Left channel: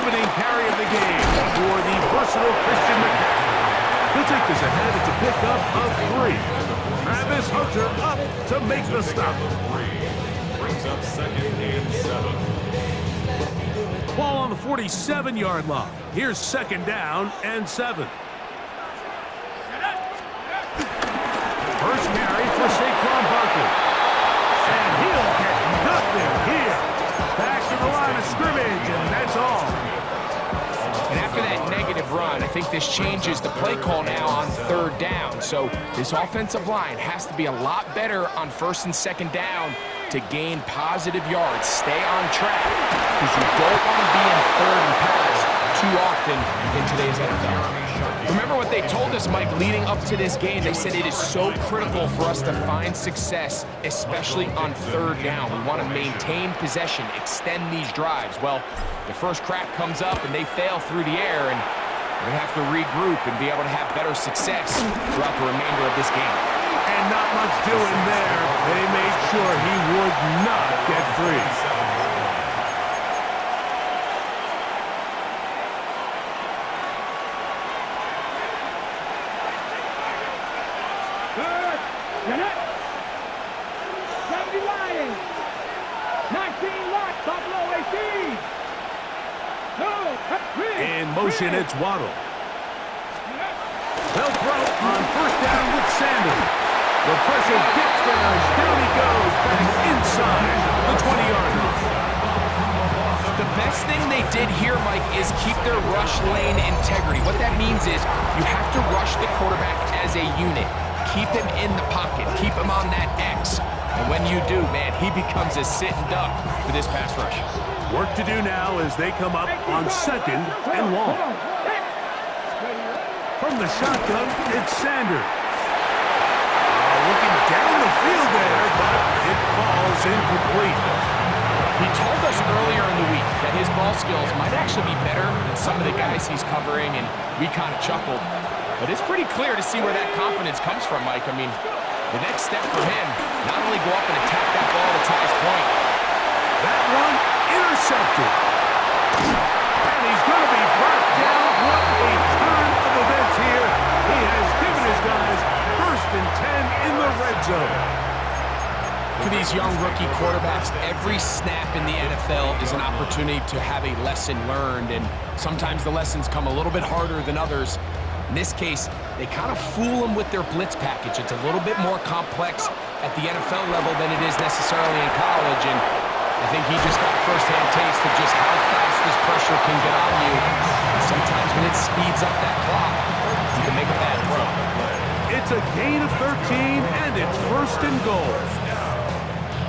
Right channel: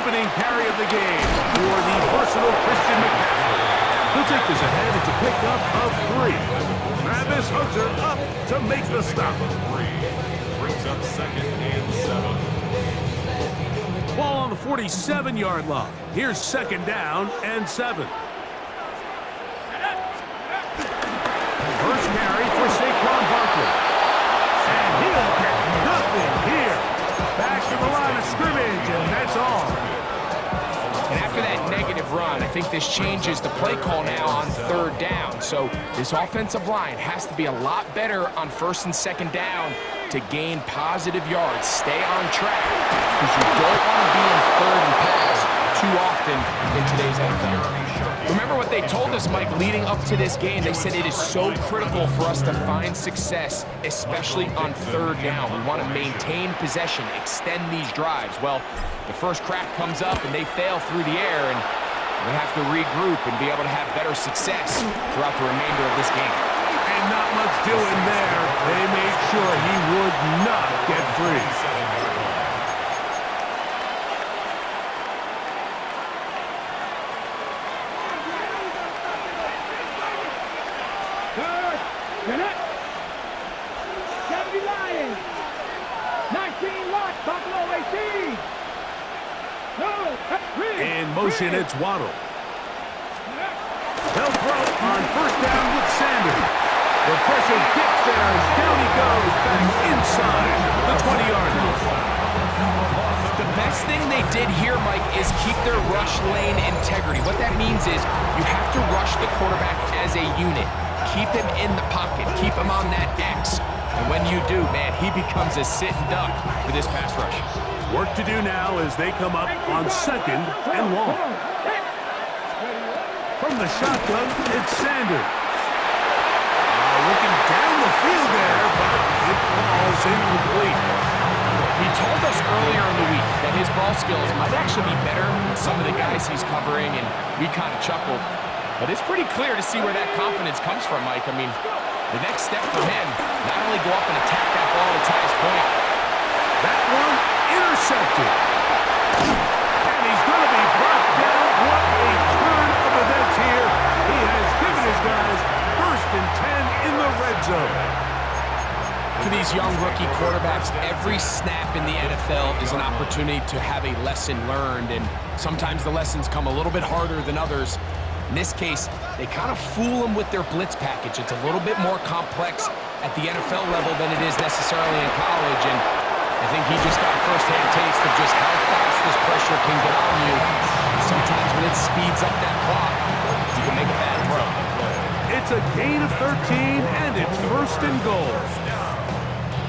opening carry of the game for the versatile Christian McCaffrey. He'll take this ahead. It's a pickup of 3. Travis Hunter up to make the stop. Brings up 2nd and 7. Ball on the 47-yard line. Here's 2nd down and 7. First carry for Saquon Barkley. And he'll get nothing here. Back to the line of scrimmage, and that's all. And after that negative run, I think this changes the play call now on 3rd down. So this offensive line has to be a lot better on 1st and 2nd down to gain positive yards. Stay on track, because you don't want to be in 3rd and pass too often in today's NFL. Remember what they told us, Mike, leading up to this game. They said it is so critical for us to find success, especially on 3rd down. We want to maintain possession, extend these drives. Well, the first crack comes up and they fail through the air, and we're going to have to regroup and be able to have better success throughout the remainder of this game. And not much doing there. They made sure he would not get free. In motion, it's Waddle. They'll throw on 1st down with Sanders. The pressure gets there, and down he goes back inside the 20-yard line. The best thing they did here, Mike, is keep their rush lane integrity. What that means is you have to rush the quarterback as a unit. Keep him in the pocket. Keep him on that X. And when you do, man, he becomes a sitting duck for this pass rush. Work to do now as they come up on 2nd and long. From the shotgun, it's Sanders. Looking down the field there, but it falls incomplete. He told us earlier in the week that his ball skills might actually be better than some of the guys he's covering, and we kind of chuckled. But it's pretty clear to see where that confidence comes from, Mike. I mean, the next step for him, not only go up and attack that ball at its highest point. That one intercepted. And he's going to be brought down. What a turn of events here. He has given his guys 1st and 10 in the red zone. For these young rookie quarterbacks, every snap in the NFL is an opportunity to have a lesson learned, and sometimes the lessons come a little bit harder than others. In this case, they kind of fool them with their blitz package. It's a little bit more complex at the NFL level than it is necessarily in college, and I think he just got a first-hand taste of just how fast this pressure can get on you. And sometimes when it speeds up that clock, you can make a bad throw. It's a gain of 13, and it's 1st and goal.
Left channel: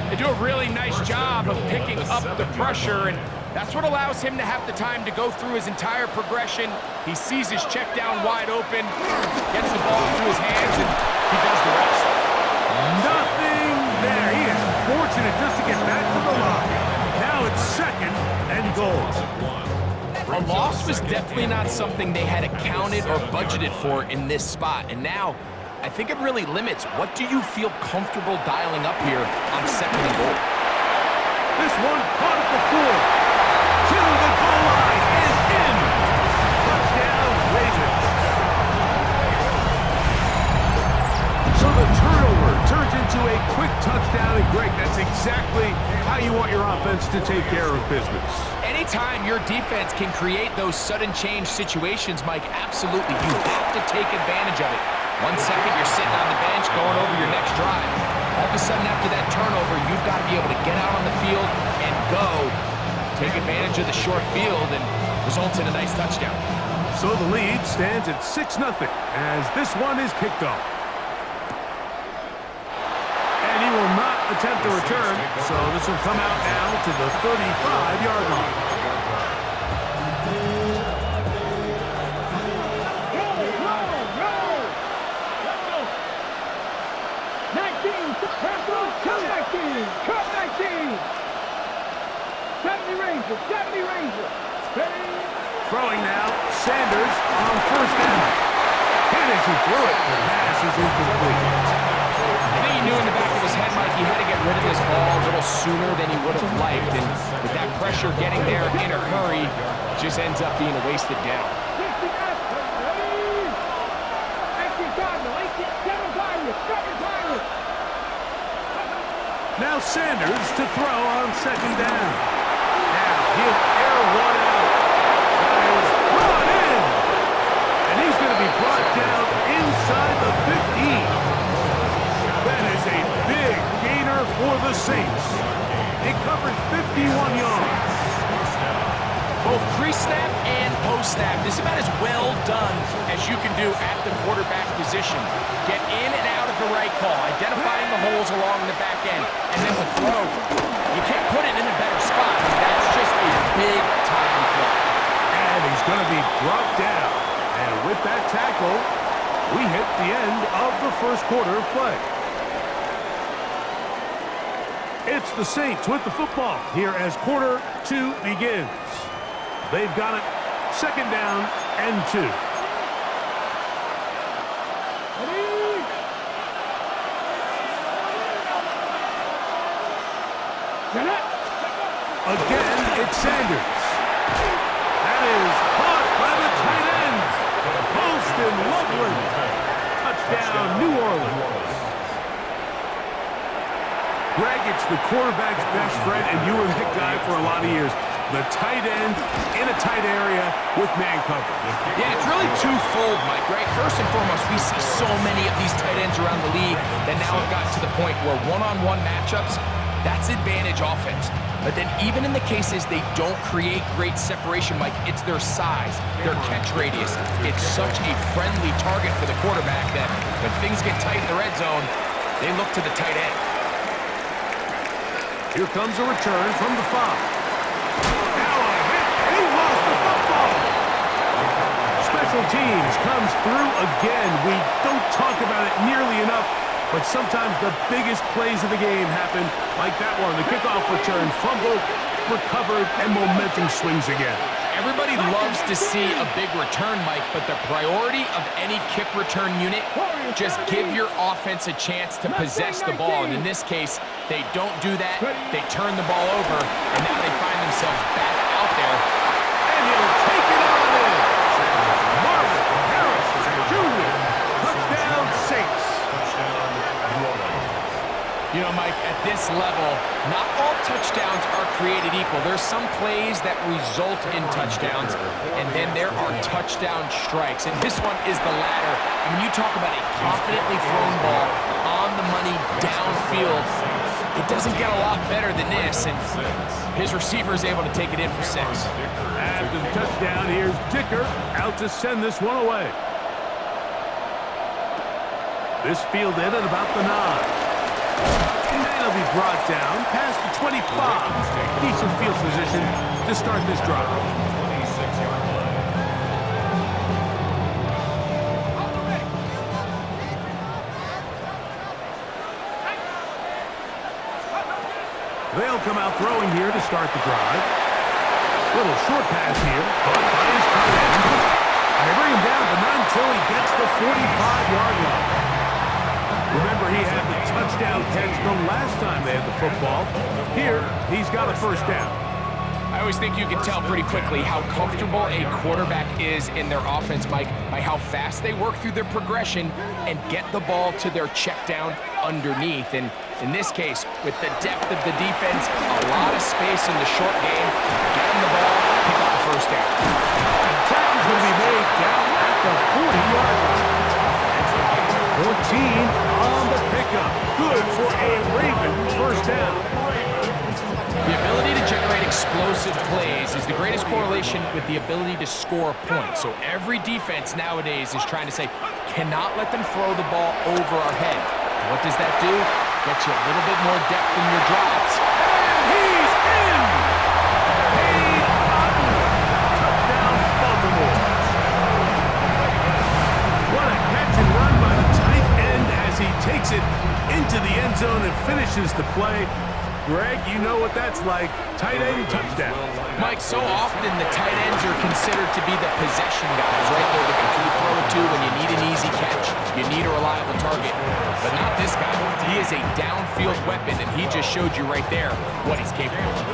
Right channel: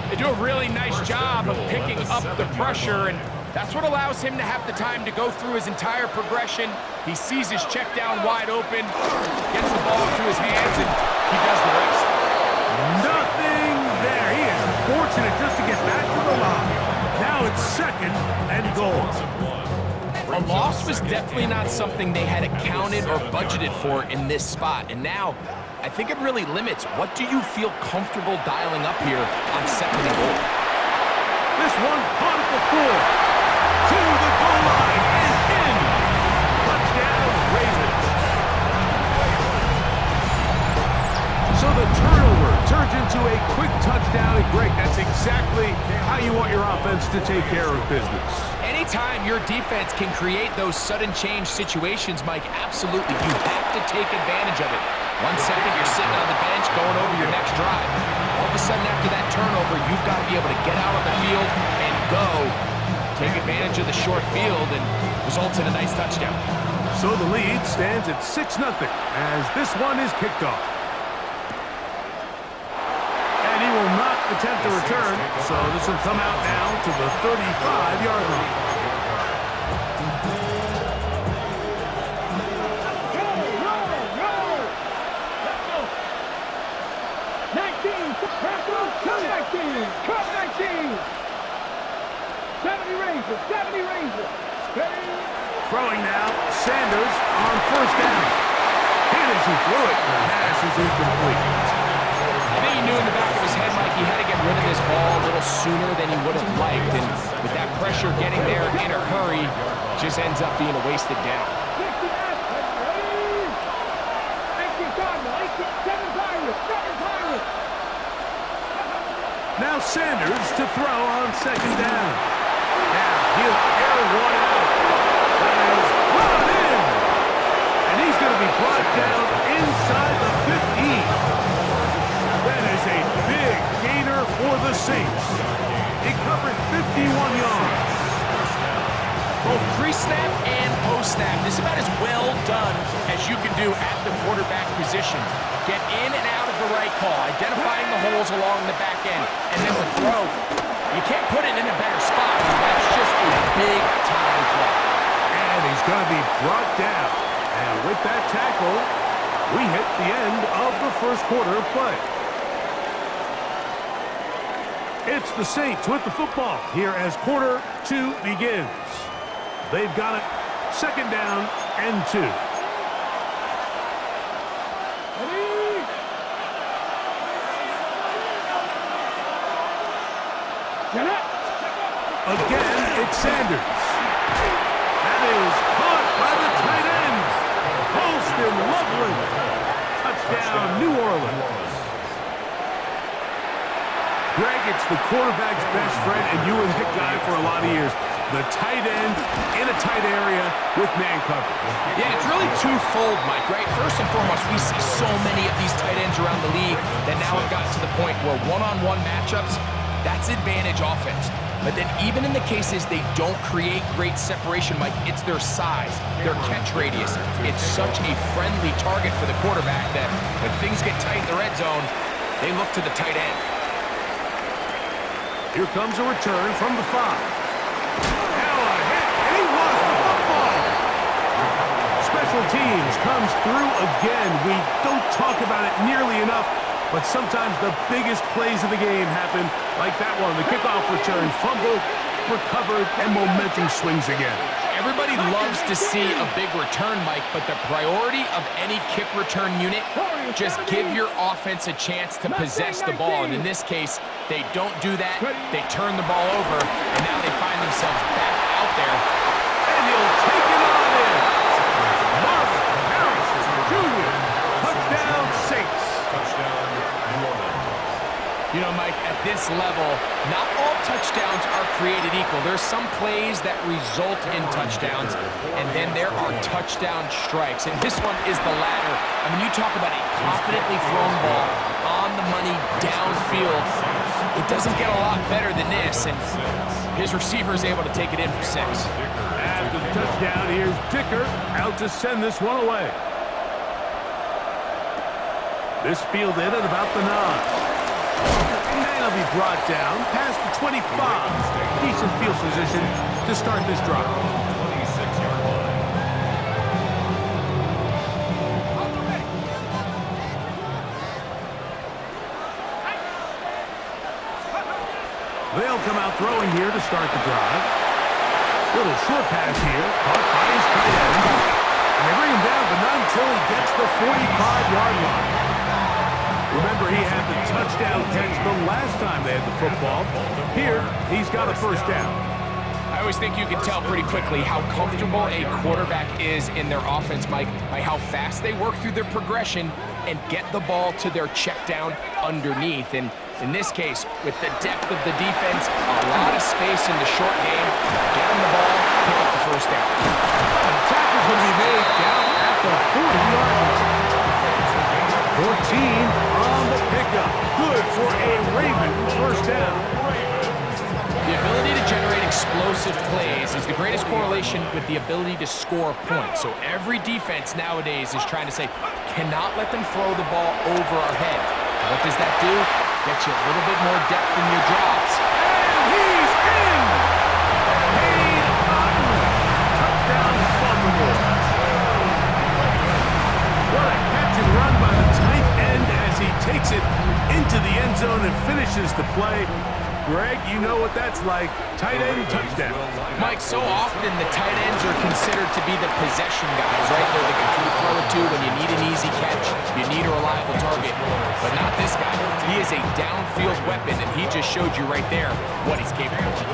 They do a really nice job of picking up the pressure, and that's what allows him to have the time to go through his entire progression. He sees his check down wide open, gets the ball into his hands, and he does the rest. Nothing there. He is fortunate just to get back to the line. Now it's 2nd and goal. A loss was definitely not something they had accounted or budgeted for in this spot, and now I think it really limits what do you feel comfortable dialing up here on 2nd and goal. This one caught at the 4. To the goal line and in. Touchdown, Ravens. So the turnover turns into a quick touchdown, and Greg, that's exactly how you want your offense to take care of business. Anytime your defense can create those sudden change situations, Mike, absolutely, you have to take advantage of it. 1 second, you're sitting on the bench going over your next drive. All of a sudden, after that turnover, you've got to be able to get out on the field and go. Take advantage of the short field, and results in a nice touchdown. So the lead stands at 6-0 as this one is kicked off. And he will not attempt a return, so this will come out now to the 35-yard line. Cut 19. 70 Rangers. Throwing now, Sanders on 1st down. Hit as he threw it. The pass is incomplete. I think he knew in the back of his head, Mike, he had to get rid of this ball a little sooner than he would have liked. And with that pressure getting there in a hurry, just ends up being a wasted down. Now Sanders to throw on second down. Now he'll air one out. That is brought in. And he's going to be brought down inside the 15. That is a big gainer for the Saints. It covers 51 yards. Both pre-snap and post-snap, this is about as well done as you can do at the quarterback position. Get in and out of the right call, identifying the holes along the back end, and then the throw. You can't put it in a better spot. That's just a big-time play. And he's going to be brought down. And with that tackle, we hit the end of the first quarter of play. It's the Saints with the football here as quarter 2 begins. They've got it, second down and 2. Again, it's Sanders. That is caught by the tight end. Holston Loveland. Touchdown, New Orleans. Greg, it's the quarterback's best friend, and you were that guy for a lot of years. The tight end in a tight area with man coverage. Yeah, it's really twofold, Mike, right? First and foremost, we see so many of these tight ends around the league that now have gotten to the point where one-on-one matchups, that's advantage offense. But then even in the cases they don't create great separation, Mike, it's their size, their catch radius. It's such a friendly target for the quarterback that when things get tight in the red zone, they look to the tight end. Here comes a return from the 5. Now a hit, and he lost the football. Special teams comes through again. We don't talk about it nearly enough, but sometimes the biggest plays of the game happen like that one. The kickoff return, fumble, recovered, and momentum swings again. Everybody loves to see a big return, Mike, but the priority of any kick return unit, just give your offense a chance to possess the ball. And in this case, they don't do that. They turn the ball over, and now they find themselves back out there. And he'll take it on in. Marvin Harrison Jr. Touchdown, Saints. Touchdown, New Orleans. You know, Mike, at this level, not all touchdowns are created equal. There's some plays that result in touchdowns, and then there are touchdown strikes. And this one is the latter. I mean, you talk about a confidently thrown ball on the money downfield. It doesn't get a lot better than this, and his receiver is able to take it in for 6. After the touchdown, here's Dicker out to send this one away. This fielded at about the 9. And he'll be brought down past the 25. Decent field position to start this drive. 26-yard line. They'll come out throwing here to start the drive. Little short pass here, caught by his tight end. And they bring him down, but not until he gets the 45-yard line. Remember, he had the touchdown catch the last time they had the football. Here, he's got a first down. I always think you can tell pretty quickly how comfortable a quarterback is in their offense, Mike, by how fast they work through their progression and get the ball to their check down underneath. And in this case, with the depth of the defense, a lot of space in the short game, get them the ball, pick up the first down. The tacker's going to be made down at the 40-yard line. 14 on the pickup. Good for a Ravens first down. The ability to generate explosive plays is the greatest correlation with the ability to score points. So every defense nowadays is trying to say, cannot let them throw the ball over our head. What does that do? Get you a little bit more depth in your drops. And he's in! Cade Otton. Touchdown, Baltimore. What a catch and run by the tight end as he takes it into the end zone and finishes the play. Greg, you know what that's like. Tight end touchdown. Mike, so often the tight ends are considered to be the possession guys, right? They're the guy you throw it to when you need an easy catch, you need a reliable target. But not this guy. He is a downfield weapon, and he just showed you right there what he's capable of.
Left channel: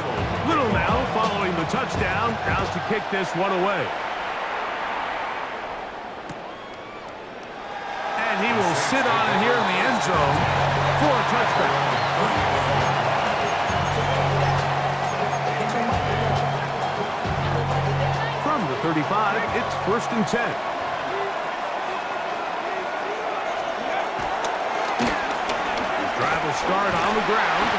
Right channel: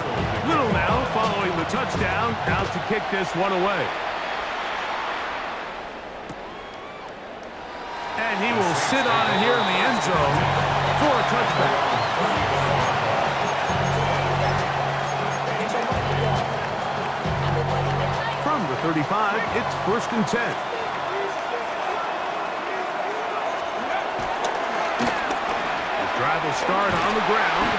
Little now following the touchdown, out to kick this one away. And he will sit on it here in the end zone for a touchback. From the 35, it's 1st and 10. His drive will start on the ground.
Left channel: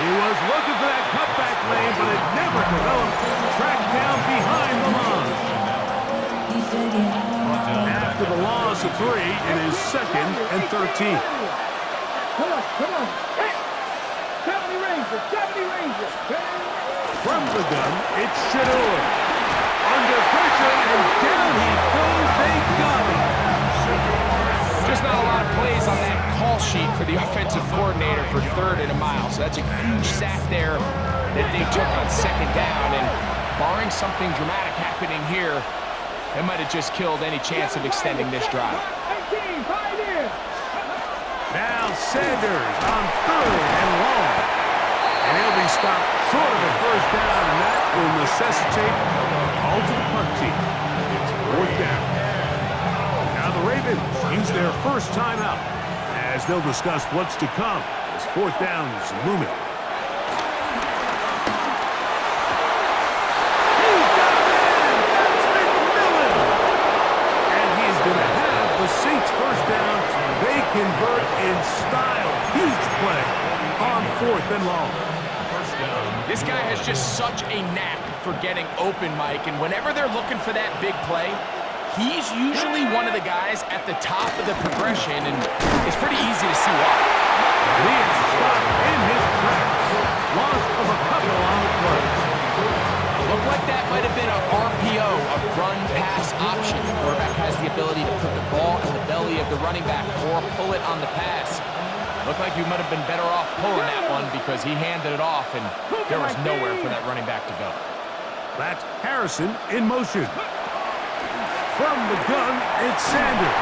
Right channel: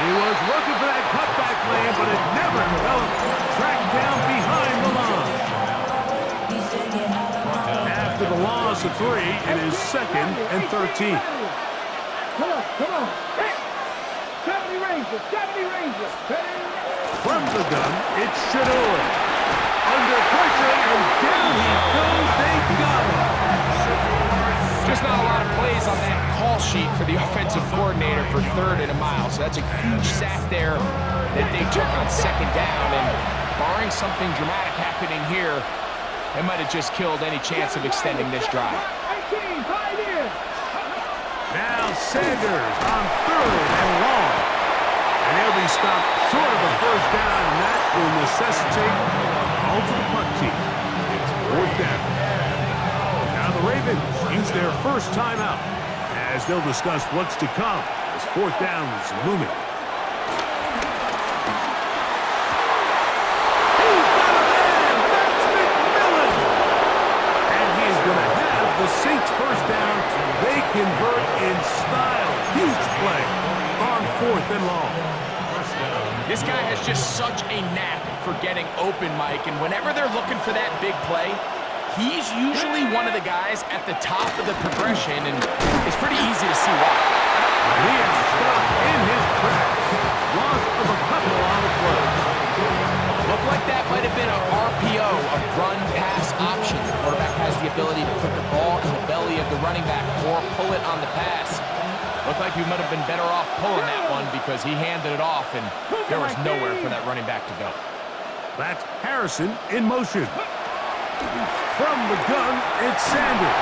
He was looking for that cutback lane, but it never developed. Tracked down behind the line. After the loss of 3, it is 2nd and 13. Come on. Hey! 70 Rangers, 70 Rangers. From the gun, it's Shador. Under pressure, and down he goes. They got him. Just not a lot of plays on that call sheet for the offensive coordinator for 3rd and a mile. So that's a huge sack there that they took on 2nd down. And barring something dramatic happening here, they might have just killed any chance of extending this drive. 18, pioneer. Now Sanders on 3rd and long. And he'll be stopped short of a 1st down, and that will necessitate a call to the punt team. It's 4th down. Now the Ravens use their first timeout as they'll discuss what's to come as 4th down is looming. He's got a man! That's McMillan! And he's going to have the Saints' 1st down. They convert in style. Huge play on 4th and long. This guy has just such a knack for getting open, Mike, and whenever they're looking for that big play, he's usually one of the guys at the top of the progression, and it's pretty easy to see why. And he is stopped in his tracks. Loss of a couple on the play. Looked like that might have been a RPO, a run-pass option. The quarterback has the ability to put the ball in the belly of the running back or pull it on the pass. Looked like you might have been better off pulling that one because he handed it off, and there was nowhere for that running back to go. That's Harrison in motion. From the gun, it's Sanders.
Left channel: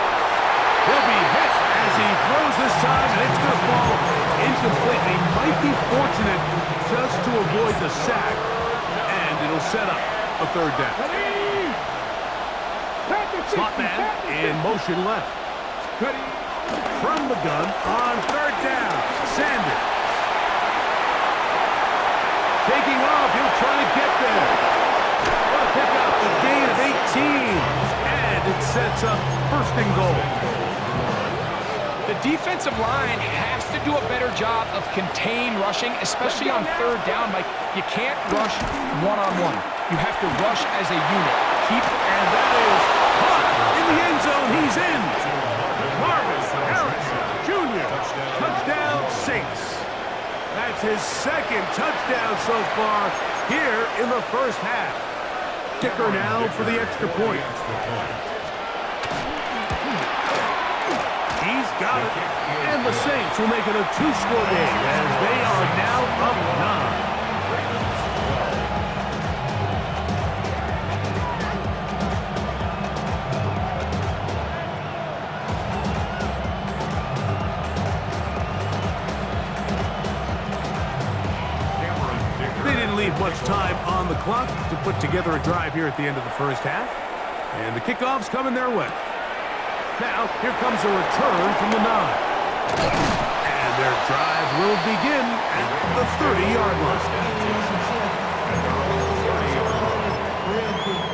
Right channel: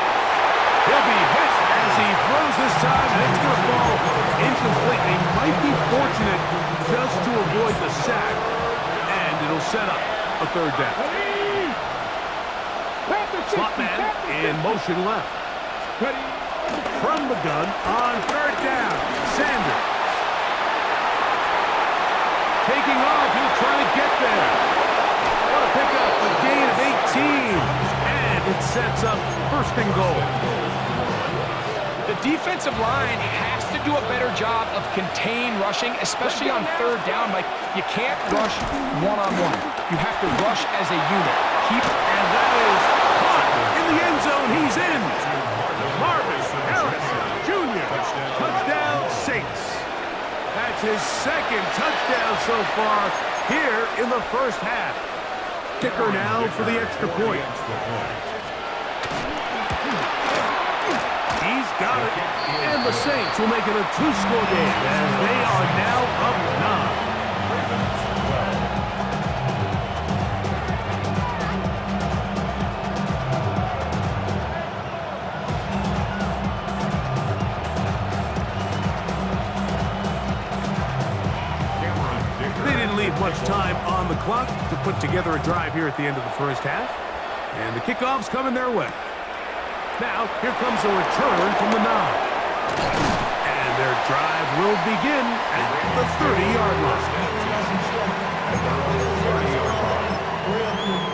He'll be hit as he throws this time, and it's going to fall incomplete. He might be fortunate just to avoid the sack, and it'll set up a 3rd down. Slot man in motion left. From the gun on 3rd down, Sanders. Taking off, he'll try to get there. What a pickup, a gain of 18. And it sets up 1st and goal. The defensive line has to do a better job of contain rushing, especially on 3rd down. Like, you can't rush one-on-one. You have to rush as a unit. And that is caught in the end zone. He's in. Marvin Harrison Jr. Touchdown Saints. That's his 2nd touchdown so far here in the 1st half. Kicker now for the extra point. He's got it. And the Saints will make it a 2-score game as they are now up 9. Ravens 12. They didn't leave much time on the clock to put together a drive here at the end of the 1st half. And the kickoff's coming their way. Now, here comes a return from the 9. And their drive will begin at the 30-yard line. At their own 30-yard line. Real quick.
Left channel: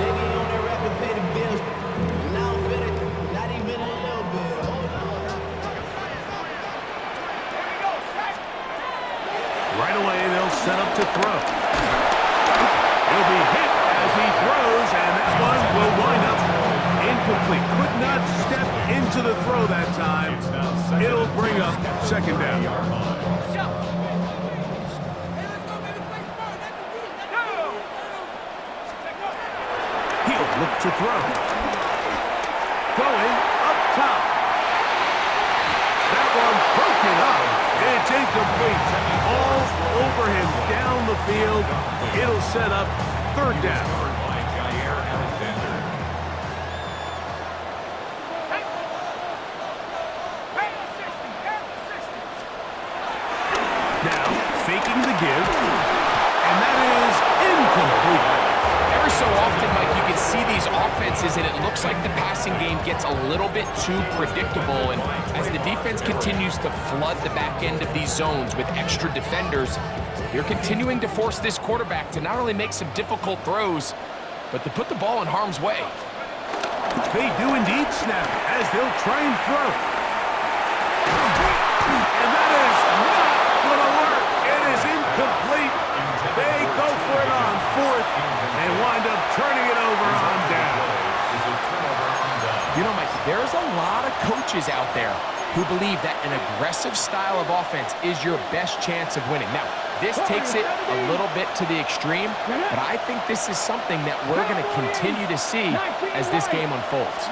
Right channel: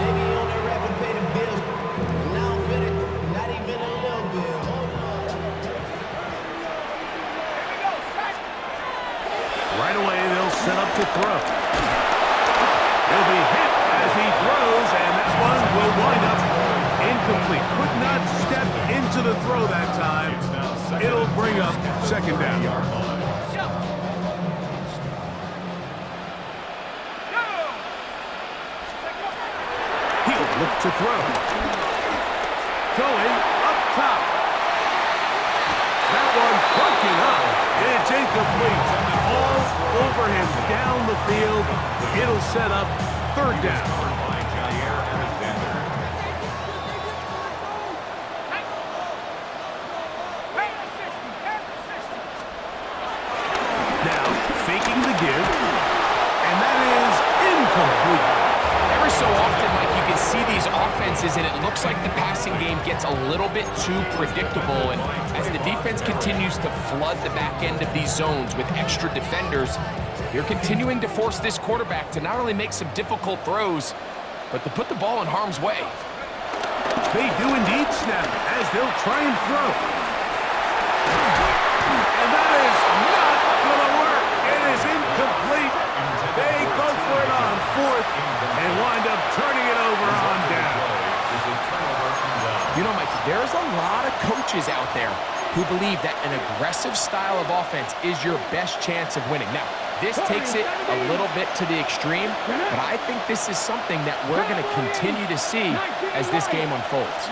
Maybe on that rapid pay the bills. Now I'm finished. Not even a little bit. Hold on. Here we go, set. Right away, they'll set up to throw. He'll be hit as he throws, and that one will wind up incomplete. Could not step into the throw that time. It'll bring up 2nd down. He'll look to throw. Going up top. That one broken up. It's incomplete. All over him down the field. It'll set up third down. Covered by Jair Alexander. Now, faking the give. And that is incomplete. Every so often, Mike, you can see these offenses, and it looks like the passing game gets a little bit too predictable. And as the defense continues to flood the back end of these zones with extra defenders, they're continuing to force this quarterback to not only make some difficult throws, but to put the ball in harm's way. They do indeed snap as they'll try and throw. And that is not going to work. It is incomplete. They go for it on fourth and wind up turning it over on down. You know, Mike, there's a lot of coaches out there who believe that an aggressive style of offense is your best chance of winning. Now, this takes it a little bit to the extreme, but I think this is something that we're going to continue to see as this game unfolds.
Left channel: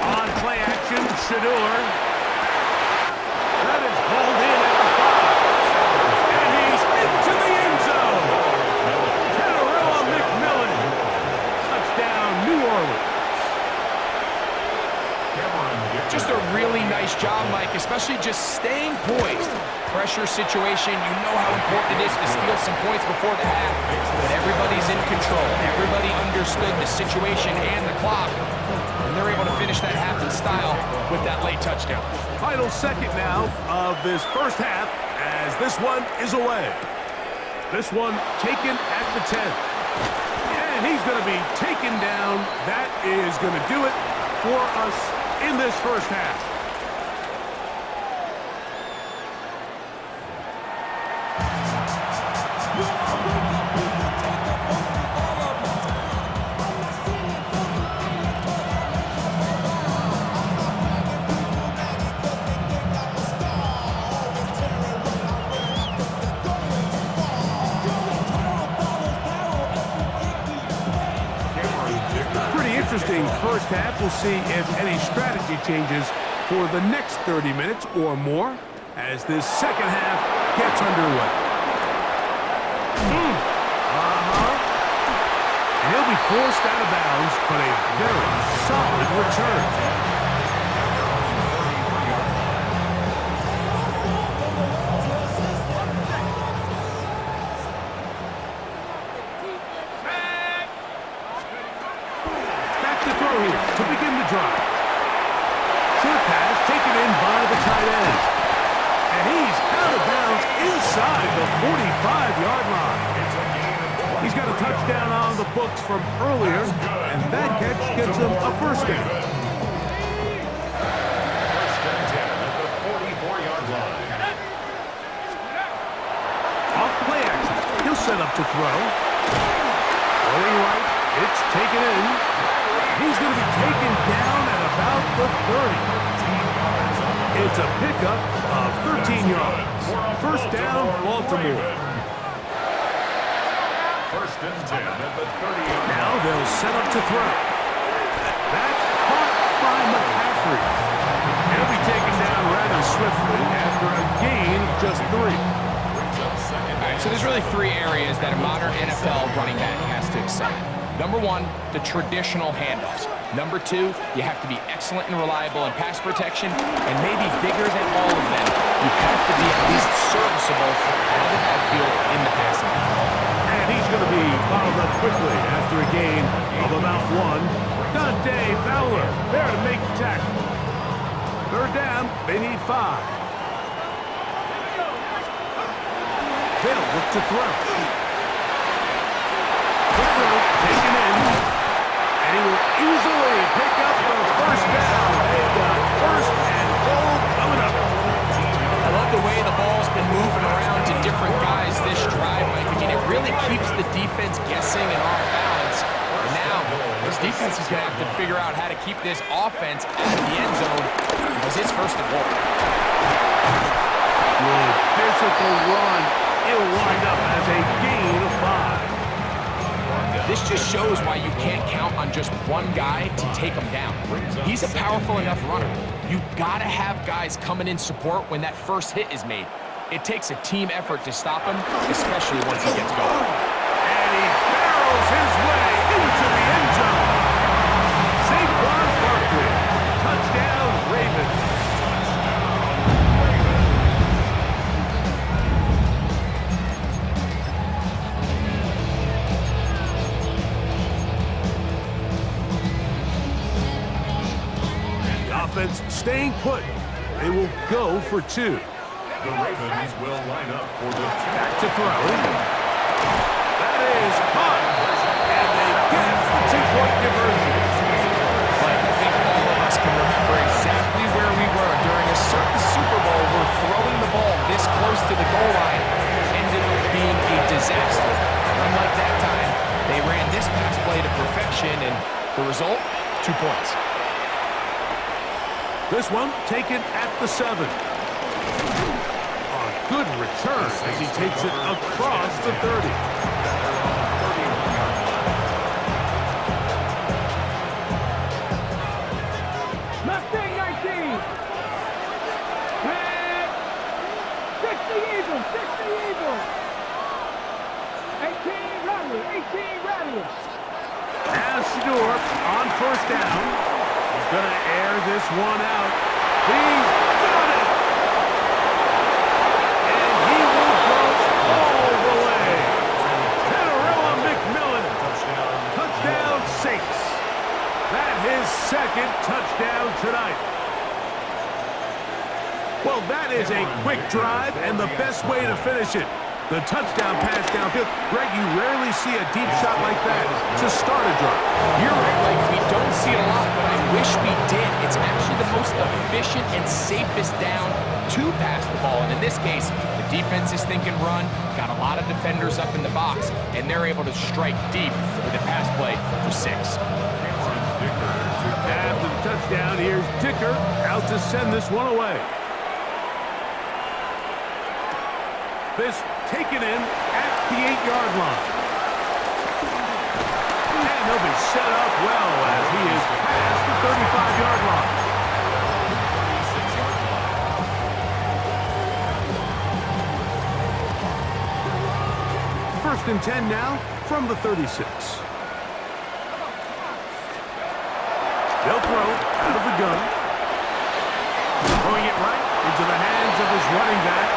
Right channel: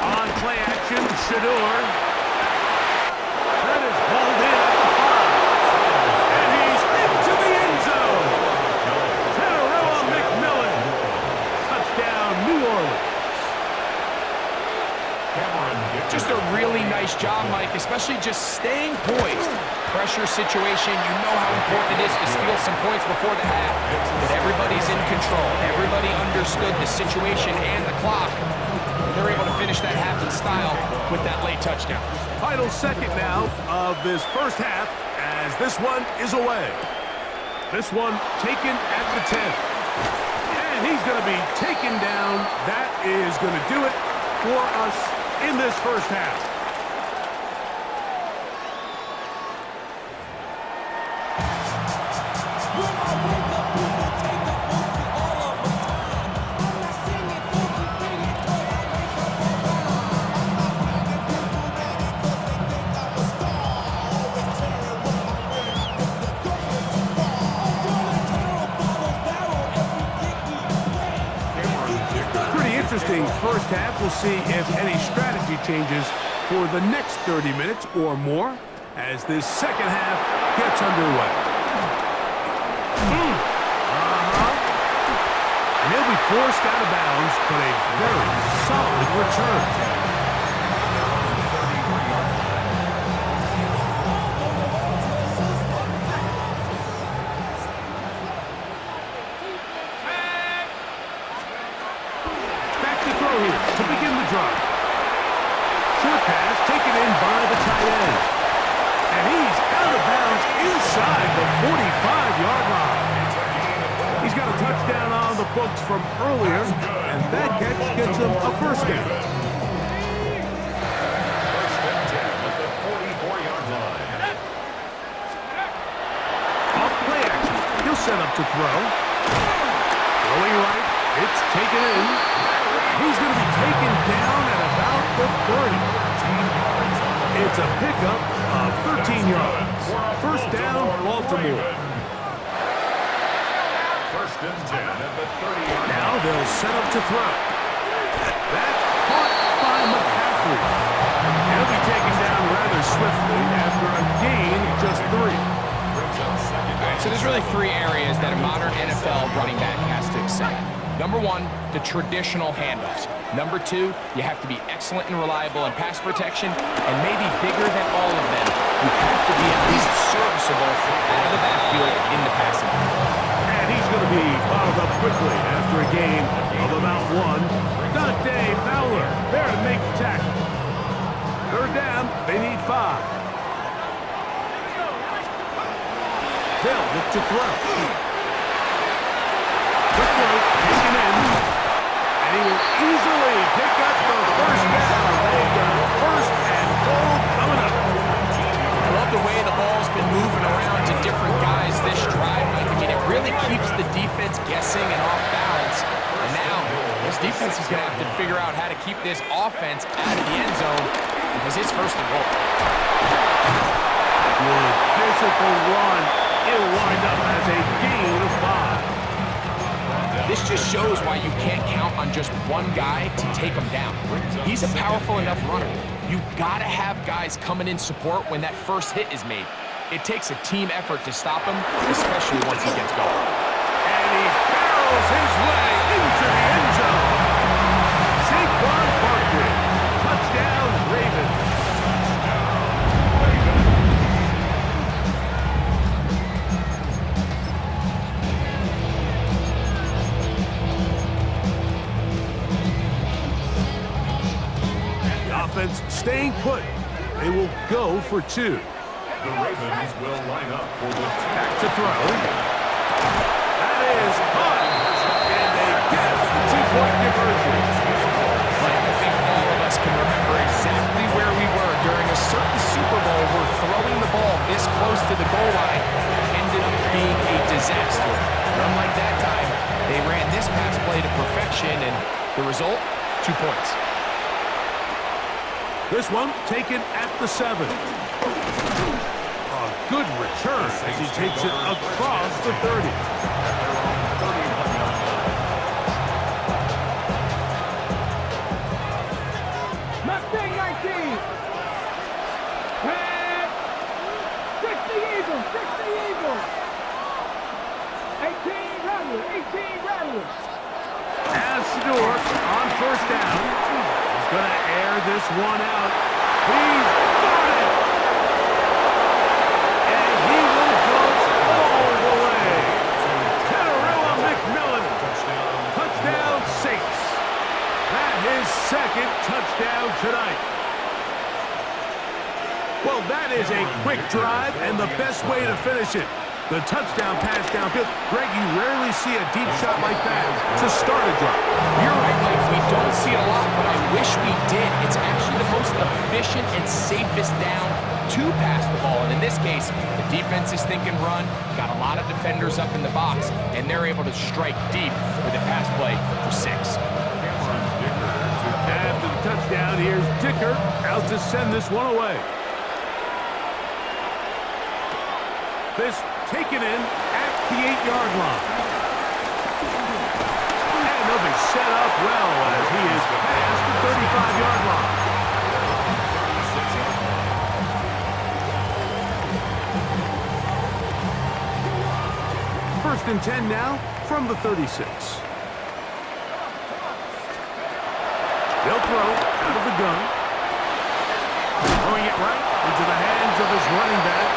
On play action, Shador. That is hauled in at the 5. And he's into the end zone. Panarella McMillan. Touchdown, New Orleans. Just a really nice job, Mike, especially just staying poised. Pressure situation, you know how important it is to steal some points before the half, but everybody's in control. Everybody understood the situation and the clock, and they're able to finish that half in style with that late touchdown. Final second now of this first half as this one is away. This one taken at the 10. And he's going to be taken down. That is going to do it for us in this first half. Interesting first half. We'll see if any strategy changes for the next 30 minutes or more as this second half gets underway. And he'll be forced out of bounds, but a very solid return. To begin the drive. Short pass taken in by the tight end. And he's out of bounds inside the 45-yard line. He's got a touchdown on the books from earlier, and that catch gets him a first down. First and 10 at the 44-yard line. Off play action. He'll set up to throw. Throwing right. It's taken in. He's going to be taken down at about the 30. It's a pickup of 13 yards. First down, Baltimore. First and 10 at the 30-yard line. Now they'll set up to throw. That's caught by McCaffrey. He'll be taken down rather swiftly after a gain of just 3. All right, so there's really 3 areas that a modern NFL running back has to excel in. Number 1, the traditional handoffs. Number 2, you have to be excellent and reliable in pass protection, and maybe bigger than all of them, you have to be at least serviceable out of the backfield in the passing game. And he's going to be bottled up quickly after a gain of about 1. Dante Fowler there to make the tackle. Third down, they need 5. They'll look to throw. Quick throw, taken in, and he will easily pick up the first down. They've got first and goal coming up. I love the way the ball's been moving around to different guys this drive, Mike. I mean, it really keeps the defense guessing and off balance. And now, this defense is going to have to figure out how to keep this offense out of the end zone because it's first and goal. Good physical run. It'll wind up as a gain of 5. This just shows why you can't count on just one guy to take him down. He's a powerful enough runner. you gotta have guys coming in support when that first hit is made. It takes a team effort to stop him, especially once he gets going. And he barrels his way into the end zone. Saquon Barkley, touchdown Ravens. Offense staying put. They will go for 2. The Ravens will line up for the Back to throw. That is caught. And they get the 2-point conversion. But I think all of us can remember exactly where we were during a certain Super Bowl where throwing the ball this close to the goal line ended up being a disaster. But unlike that time, they ran this pass play to perfection, and the result, 2 points. This one taken at the 7. A good return as he takes it across the 30. at their own 31-yard line. Mustang 19. Tag. 60 Eagles. 60 Eagles. 18 Rattlers. 18 Rattlers. As Shador on first down. He's going to air this one out. He's got it! And he will go all the way. Tenerella McMillan. Touchdown Saints. That his second touchdown tonight. Well, that is a quick drive and the best way to finish it. The touchdown pass downfield. Greg, you rarely see a deep shot like that to start a drive. You're right, Mike. We don't see it a lot, but I wish we did. It's actually the most efficient and safest down to pass the ball. And in this case, the defense is thinking run, got a lot of defenders up in the box, and they're able to strike deep with a pass play for 6. After the touchdown, here's Dicker out to send this one away. This taken in at the 8-yard line. And they'll be set up well as he is past the 35-yard line. 36-yard line. First and 10 now from the 36. They'll throw out of the gun. Throwing it right into the hands of his running back.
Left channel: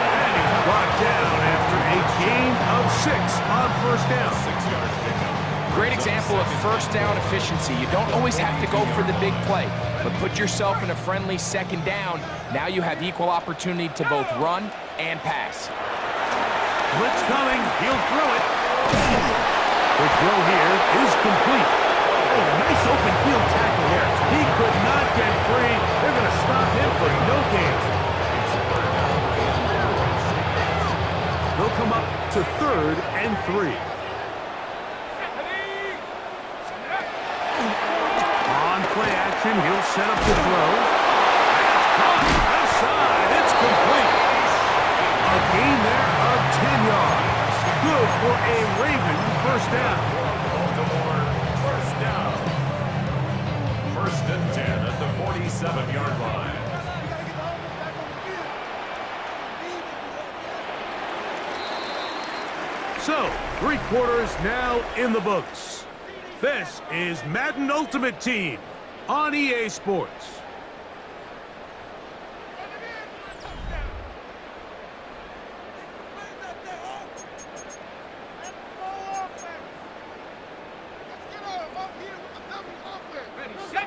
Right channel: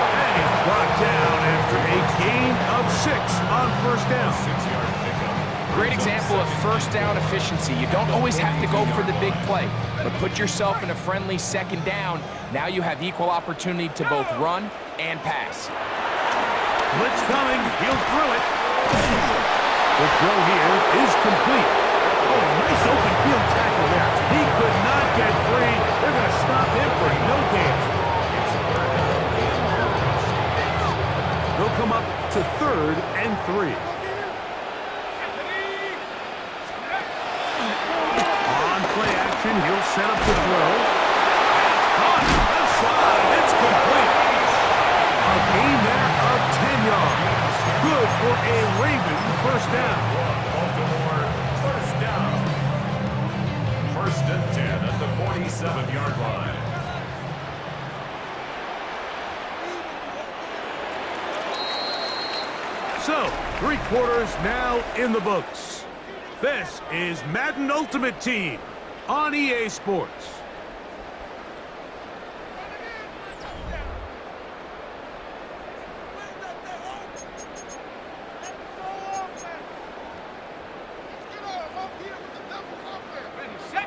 And he's brought down after a gain of 6 on first down. 6-yard pickup. Great example of first down efficiency. You don't always have to go for the big play, but put yourself in a friendly second down. Now you have equal opportunity to both run and pass. Blitz coming. He'll throw it. The throw here is complete. Oh, nice open field tackle there. He could not get free. They're going to stop him for no gain. It's 3rd down and 4. They'll come up to 3rd and 3. On play action, he'll set up the throw. That's caught. Left side. It's complete. A gain there of 10 yards. Good for a Raven first down. Baltimore, first down. 1st and 10 at the 47-yard line. So, 3 quarters now in the books. This is Madden Ultimate Team on EA Sports.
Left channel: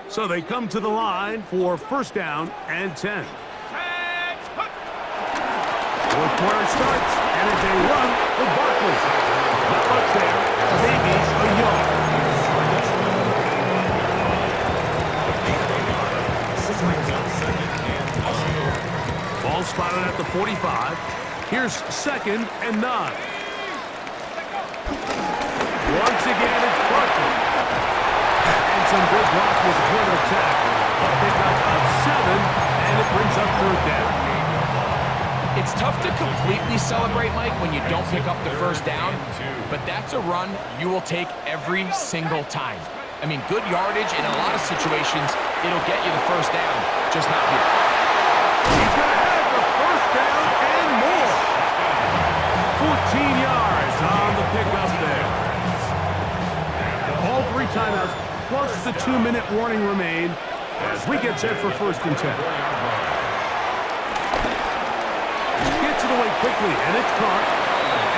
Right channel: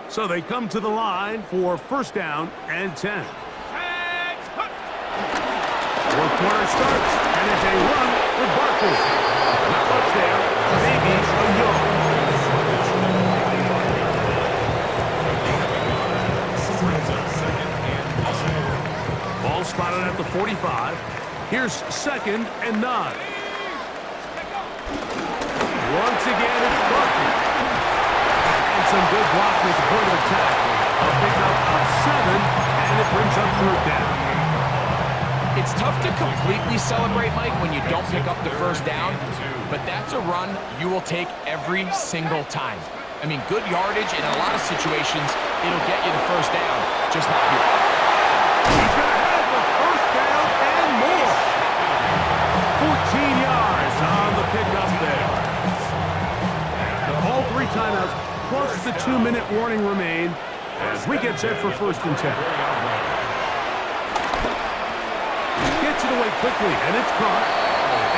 So they come to the line for first down and 10. 4th quarter starts, and it's a run for Barkley. Not much there, maybe a yard. Brings up 2nd and 9. Ball spotted at the 45. Here's 2nd and 9. Once again, it's Barkley. And some good blocking at the point of attack. A pickup of 7, and it brings up 3rd down. It's tough to completely celebrate, Mike, when you don't pick up the first down, but that's a run you will take every single time. I mean, good yardage in a lot of situations, it'll get you the first down, just not here. He's going to have the first down and more. 14 yards on the pickup there. All 3 timeouts plus the 2-minute warning remain as we get set for first and 10. Gets it away quickly, and it's caught.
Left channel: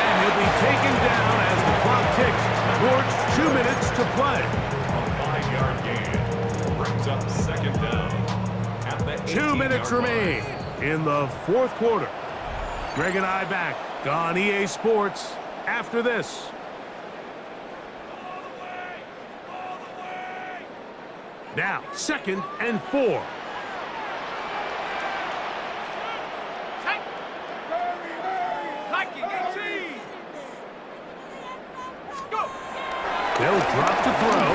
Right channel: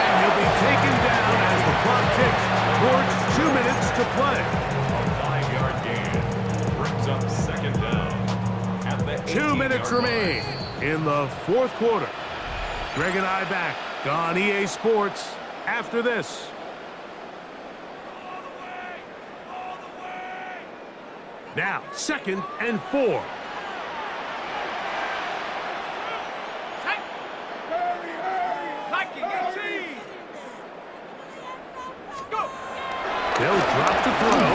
And he'll be taken down as the clock ticks towards 2 minutes to play. A 5-yard gain brings up second down at the 2 minutes remain in the fourth quarter. Greg and I back on EA Sports after this. Now, 2nd and 4. They'll drop to throw.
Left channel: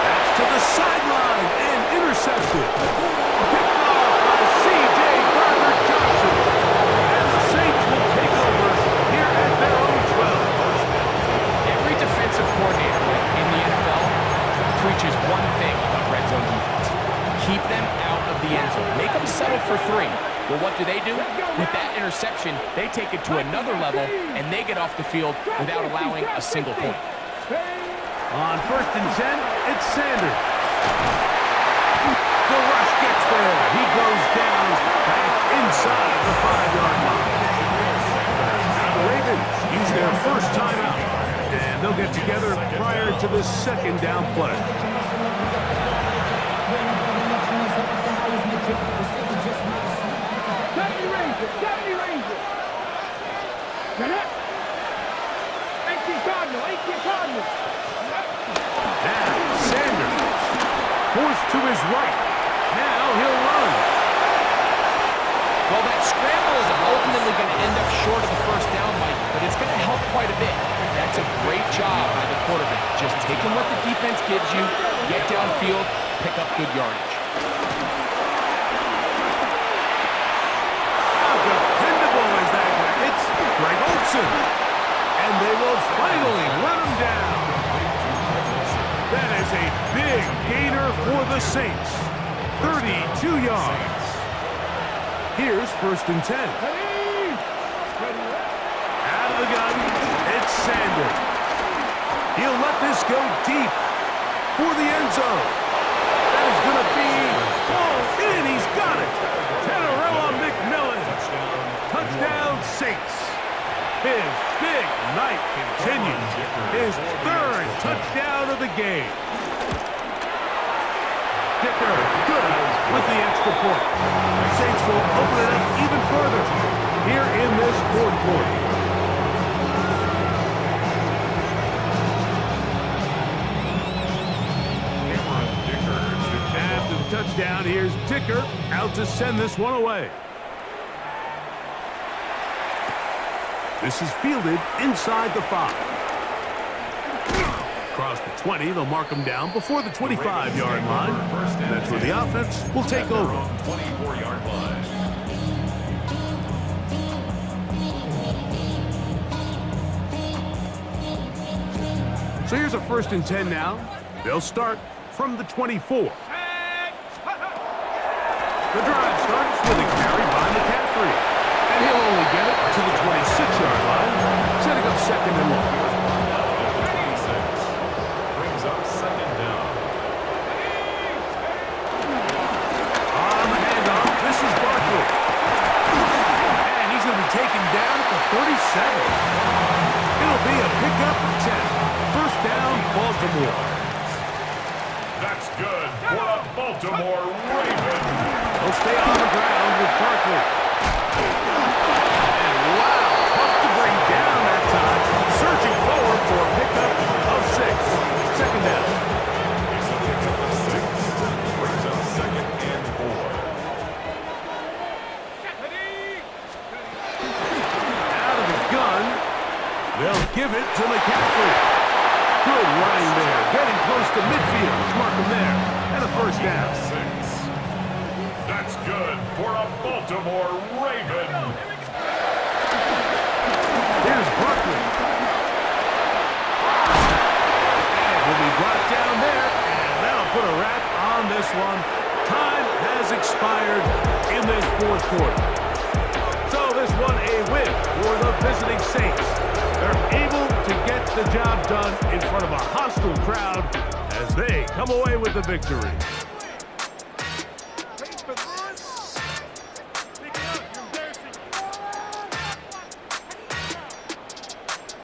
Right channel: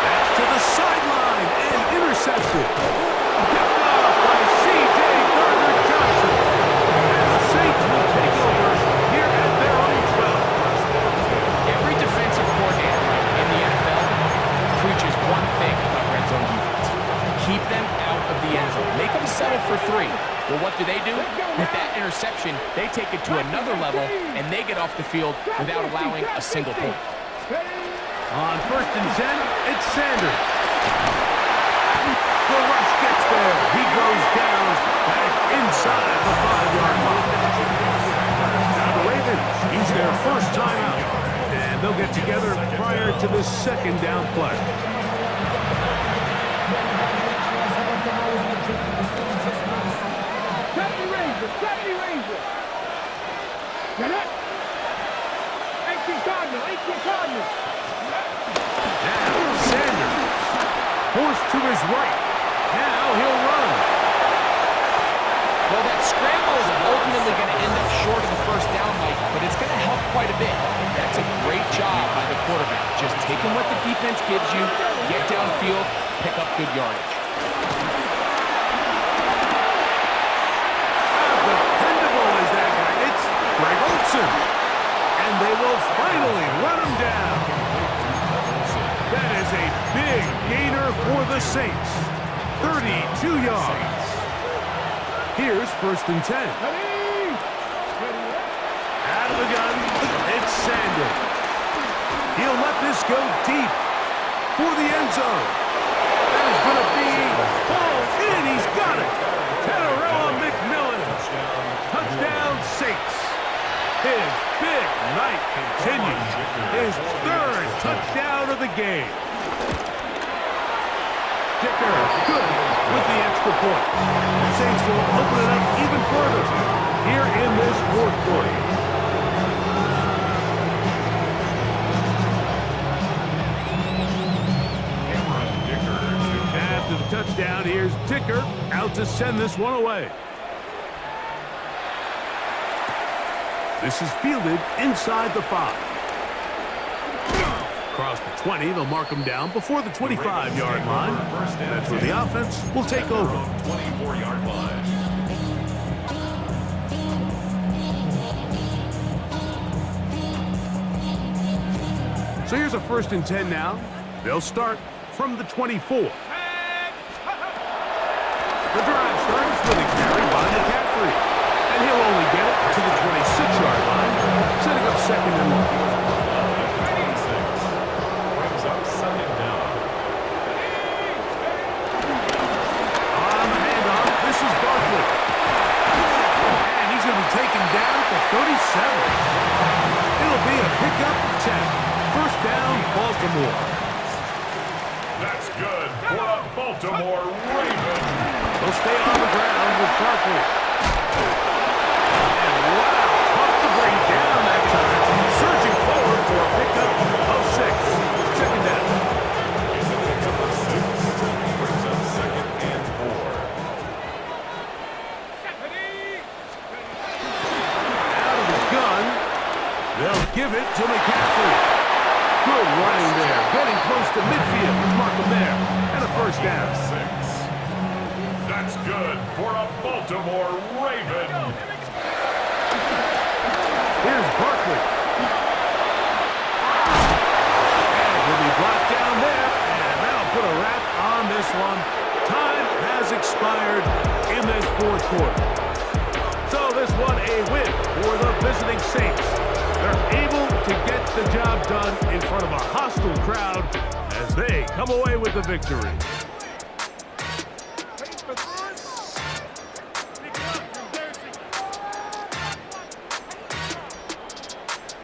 That's to the sideline and intercepted. Picked off by C.J. Gardner-Johnson. And the Saints will take over here at their own 12. Every defensive coordinator, Mike, in the NFL preaches one thing about red zone defense. Keep them out of the end zone. Make them settle for 3. Well, what do? With that interception, they take it to another level, and they get off the field without allowing a single point. On first and 10, it's Sanders. The rush gets there. He goes down back inside the 5-yard line. Now the Ravens use their first timeout, and they'll get together prior to the second down play. Deputy Ranger! Get it! 18 Cardinal! 18 Cardinal! Now, Sanders. Forced to his right. Now he'll run. Well, that scramble is ultimately going to end up short of the first down, Mike, but it's going to help quite a bit. That's a great job by the quarterback. Just taking what the defense gives you, get downfield, pick up good yardage. Dependable is that guy. It's Greg Olsen. And they will finally run him down. That is a big gainer for the Saints. 32 yards. Here's first and 10. Out of the gun, it's Sanders. He'll let this go deep for the end zone. That is going to be pulled in. He's got it. Tenerella McMillan. Touchdown, Saints. His big night continues. His 3rd touchdown of the game. Dicker, good with the extra point. The Saints will open it up even further here in this fourth quarter. After the touchdown, here's Dicker out to send this one away. This is fielded inside the 5. Across the 20, they'll mark him down before the 25-yard line. That's where the offense will take over. 24-yard line. So here's a first and 10 now. They'll start from the 24. The drive starts with a carry by McCaffrey. And he'll only get it to the 26-yard line, setting up second and long. Brings up second down. On the handoff, this is Barkley. And he's going to be taken down at the 37. It'll be a pickup of 10. First down, Baltimore. That's good for a Baltimore Raven. They'll stay on the ground with Barkley. And wow, tough to bring down that time. Surging forward for a pickup of 6. Second down. It's a pickup of 6. Brings up second and 4. Out of the gun. They'll give it to McCaffrey. Good running there. Getting close to midfield. Mark him there. And a first down. 6. That's good for a Baltimore Raven. Here's Barkley. And on this one. Time has expired in this fourth quarter. So this one a win for the visiting Saints. They're able to get the job done in front of a hostile crowd as they come away with the victory.